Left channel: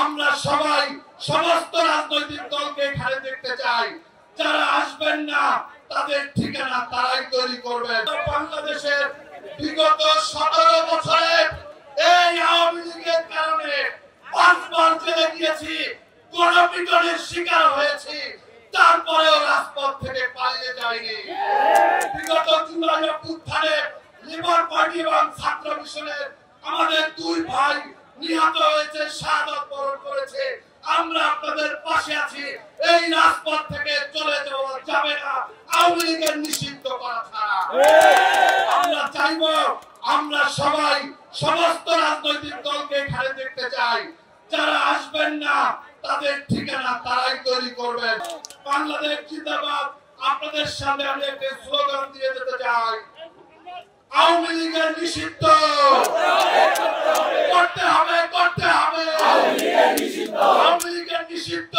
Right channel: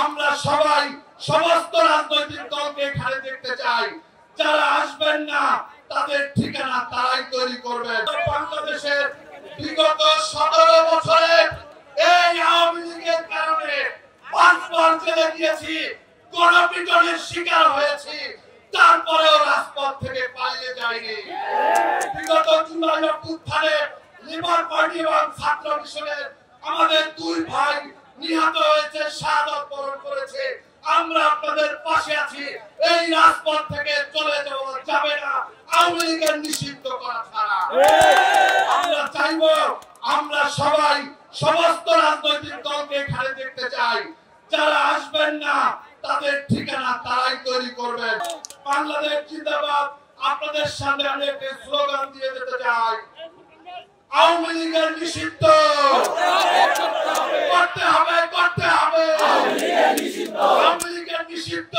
আমরা সবাই সমস্ত রাজনৈতিক দলকে এখানে দেখতে চাই। যারা আসবেন না তাদের ঠিকানা তারাই তৈরি করবেন। বাংলাদেশের বিগত 17 বছরের এই আওয়ামী লীগের কারণে 5 বার জেলে গিয়েছি, গণপিটনের শিকার হয়েছি, তারপরেও রাজপথ থেকে পালিয়ে যায়নি। বিগত জুলাই অভ্যুত্থানে লিবার পার্টি এবং ছাত্র মিশনের আমাদের 2 ভাই নিহত হয়েছে, শাহাদাত বরণ করেছে। আমরা আপনাদের পাশে আছি। এই রাজপথ থেকে চলে যাওয়া যাবে না আওয়ামী লীগের নিষিদ্ধ করা ছাড়া। আমরা চাইব, আমরা সবাই সমস্ত রাজনৈতিক দলকে এখানে দেখতে চাই। যারা আসবেন না তাদের ঠিকানা তারাই তৈরি করবেন। বাংলাদেশ জিন্দাবাদ। আপনাদের সামনে আমি একটা স্লোগান দিয়ে যেতে চাই, আওয়ামী লীগের নিষিদ্ধ করতে হবে, করতে হবে। আওয়ামী লীগের নিষিদ্ধ।